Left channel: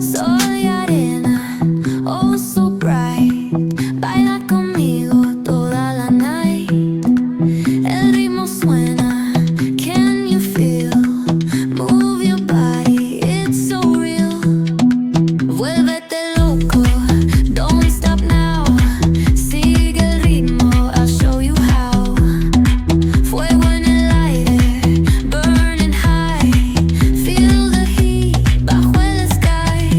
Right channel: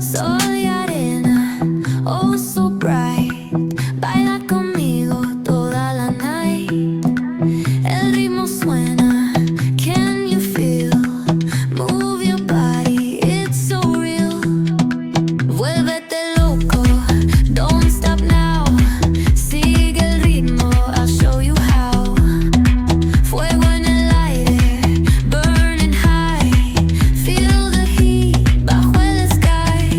Soy arena, oh so bright. Baila conmigo toda la night. El ritmo suena, can you feel? Move your body, it's so real. Vuélvete loco, don't stop now. Sigue el ritmo, I'll show you how. Fuego en el aire, burning high. Feel the heat bajo el sky.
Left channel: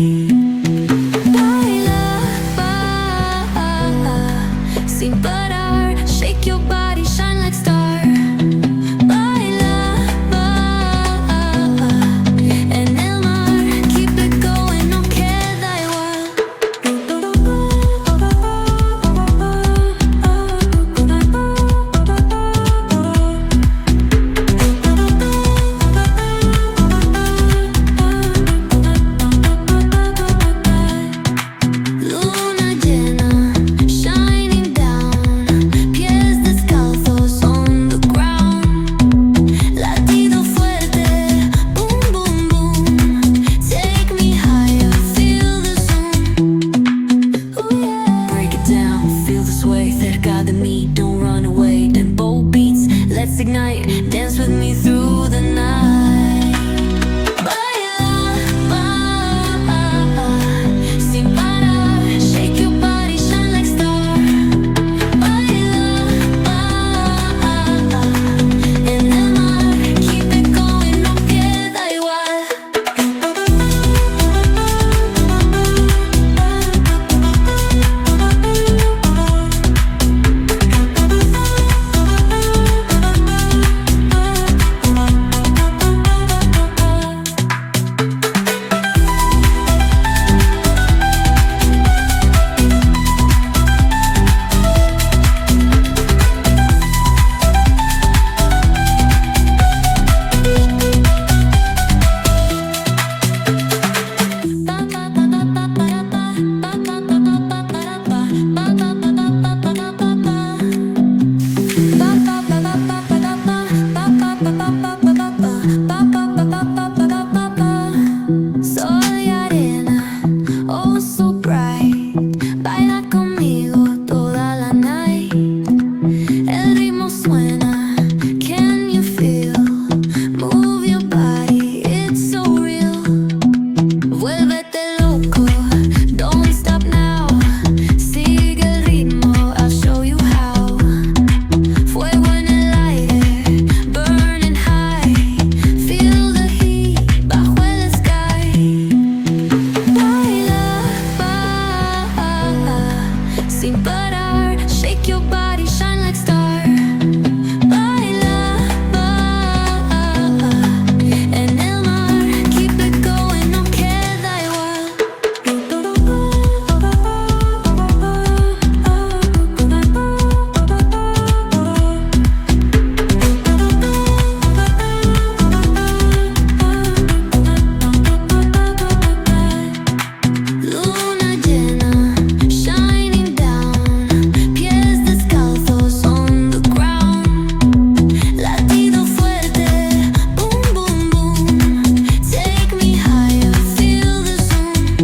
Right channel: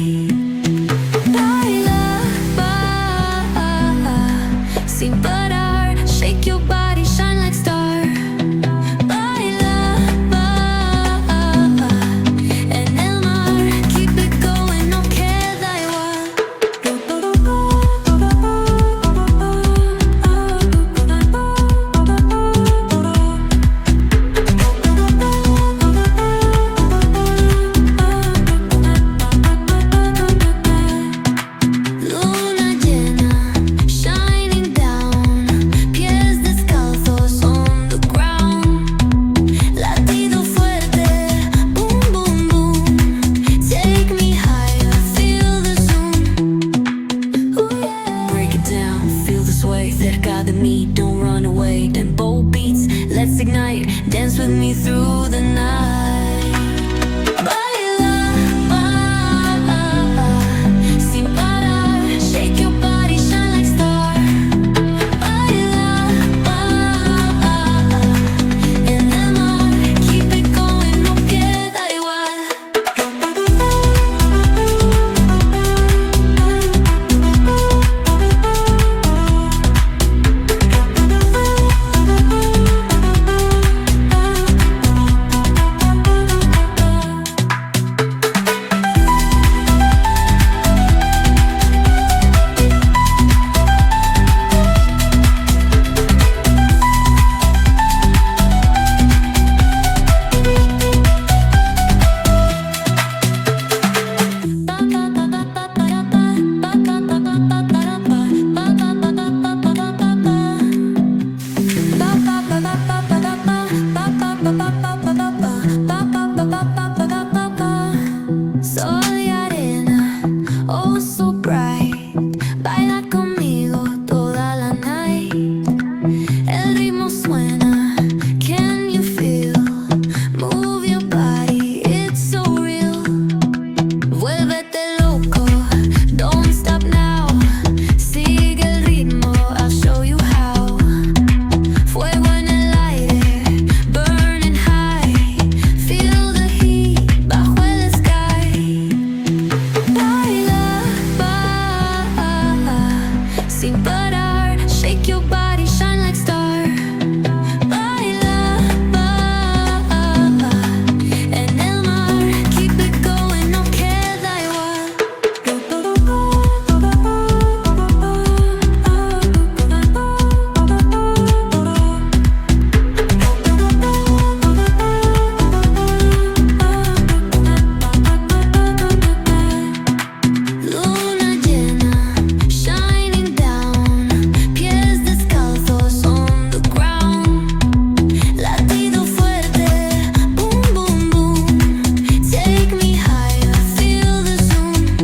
Baila, sin parar. Shake your body, shine like star. Baila, en el mar. Keep it going, no queda igual. Luna llena, shining down. Pies descalzos on the ground. Latido fuerte, boom, boom, boom. Take me higher, feel the zoom. Ooh, yeah. Break it down, feel the sway. Cerca de mí, don't run away. Tempo beats, let's ignite. Dance with me through the night. Baila, sin parar. Shake your body, shine like star. Baila, en el mar. Keep it going, no queda igual. Soy arena, oh so bright. Baila conmigo toda la night. El ritmo suena, can you feel? Move your body, it's so real. Vuélvete loco, don't stop now. Sigue el ritmo, I'll show you how. Fuego en el aire, burning high. Feel the heat bajo el sky. Baila, sin parar. Shake your body, shine like star. Baila, en el mar. Keep it going, no queda igual. Luna llena, shining down. Pies descalzos on the ground. Latido fuerte, boom, boom, boom. Take me higher, feel the zoom.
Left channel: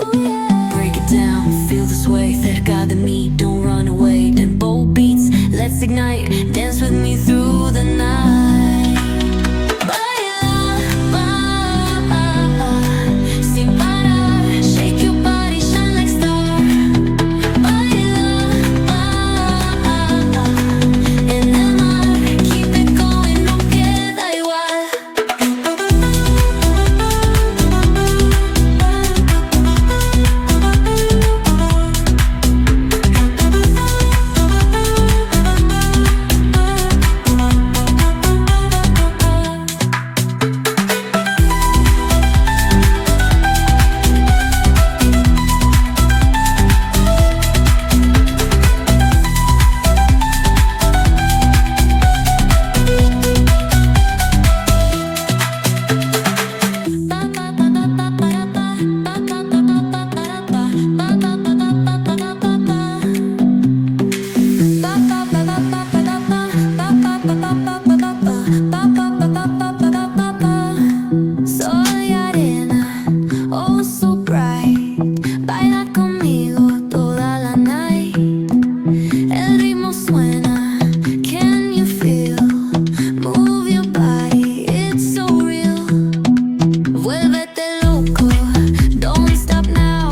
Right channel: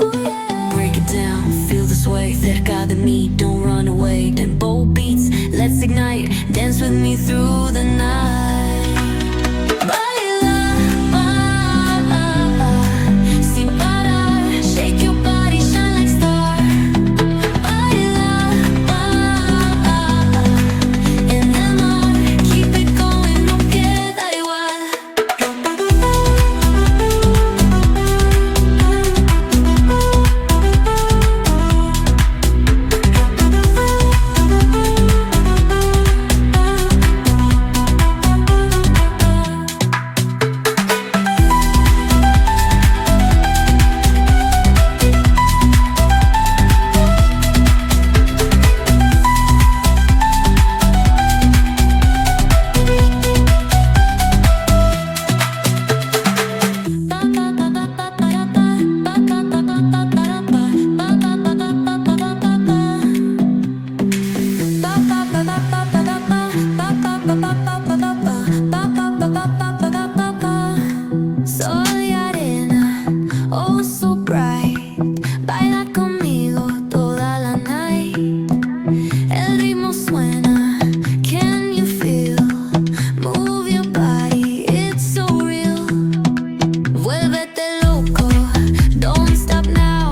Ooh, yeah. Break it down, feel the sway. Cerca de mí, don't run away. Tempo beats, let's ignite. Dance with me through the night. Baila, sin parar. Shake your body, shine like star. Baila, en el mar. Keep it going, no queda igual. Sol y arena, oh so bright. Baila conmigo toda la night. El ritmo suena, can you feel? Move your body, it's so real. Vuélvete loco, don't stop now.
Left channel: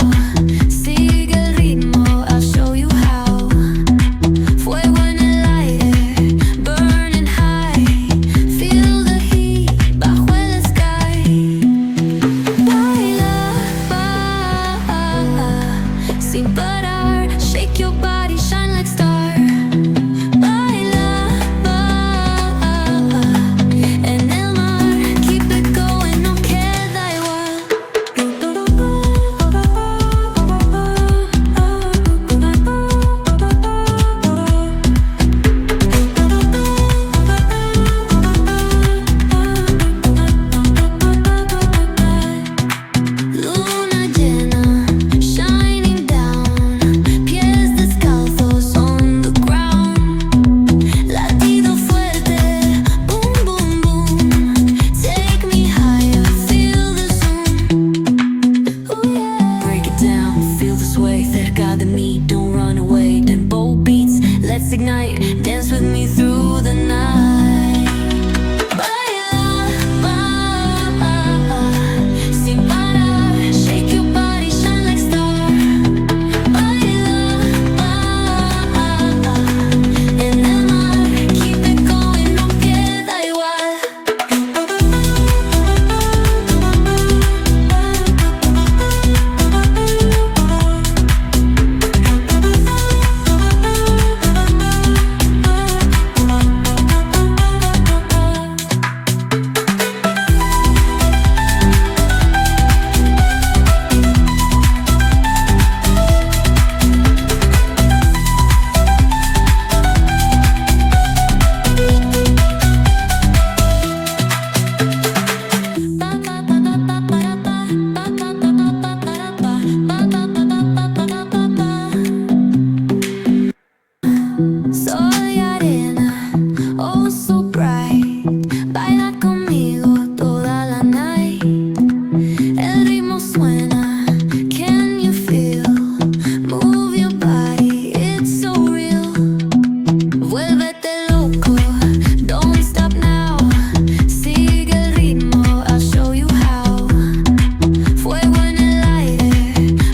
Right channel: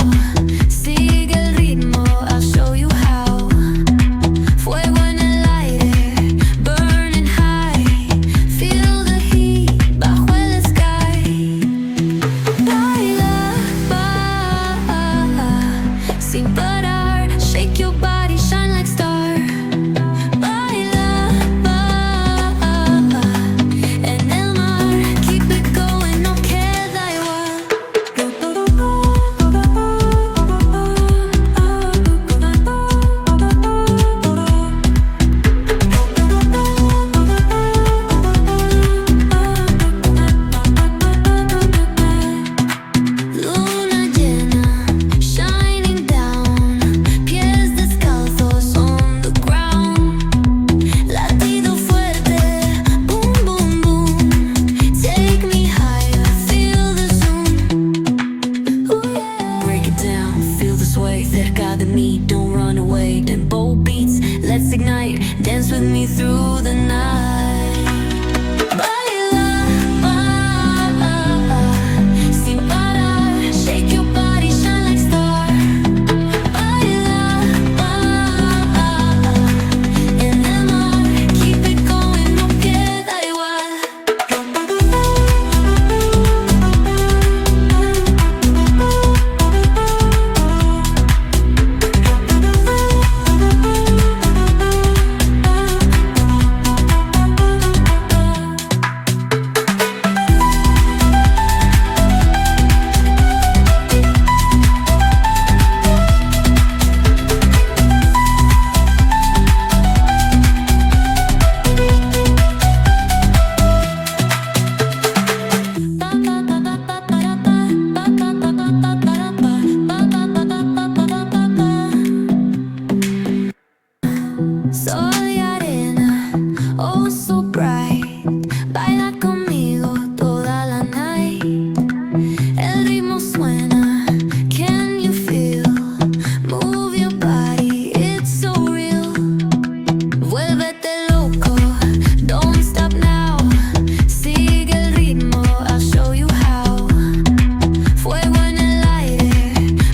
Sigue el ritmo, I'll show you how. Fuego en el aire, burning high. Feel the heat bajo el sky. Baila, sin parar. Shake your body, shine like star. Baila, en el mar. Keep it going, no queda igual. Luna llena, shining down. Pies descalzos on the ground. Latido fuerte, boom, boom, boom. Take me higher, feel the zoom. Ooh, yeah. Break it down, feel the sway. Cerca de mí, don't run away. Tempo beats, let's ignite. Dance with me through the night. Baila, sin parar. Shake your body, shine like star. Baila, en el mar. Keep it going, no queda igual. Sol y arena, oh so bright. Baila conmigo toda la night. El ritmo suena, can you feel? Move your body, it's so real. Vuélvete loco, don't stop now. Sigue el ritmo, I'll show you how. Fuego en el aire,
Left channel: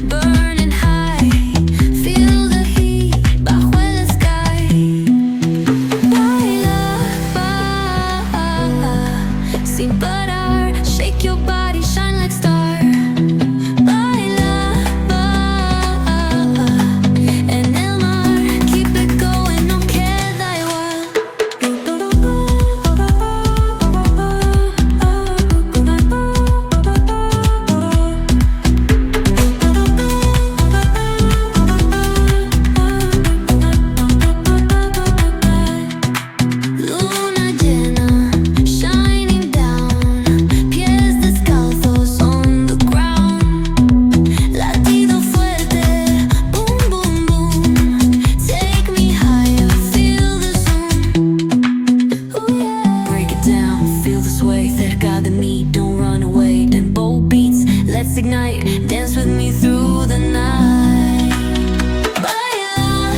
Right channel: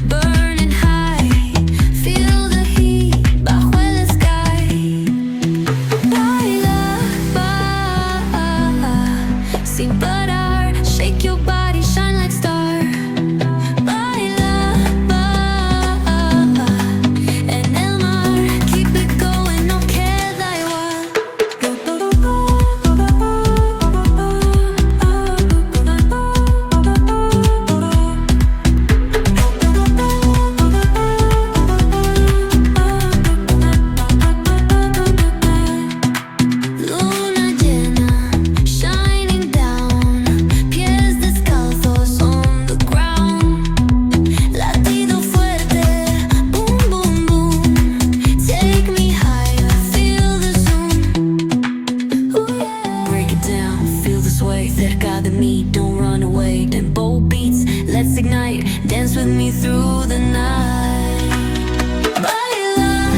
burning high. Feel the heat bajo el sky. Baila, sin parar. Shake your body, shine like star. Baila, en el mar. Keep it going, no queda igual. Luna llena, shining down. Pies descalzos on the ground. Latido fuerte, boom, boom, boom. Take me higher, feel the zoom. Ooh, yeah. Break it down, feel the sway. Cerca de mí, don't run away. Tempo beats, let's ignite. Dance with me through the night. Baila,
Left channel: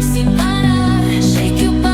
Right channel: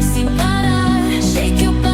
sin parar. Shake your body.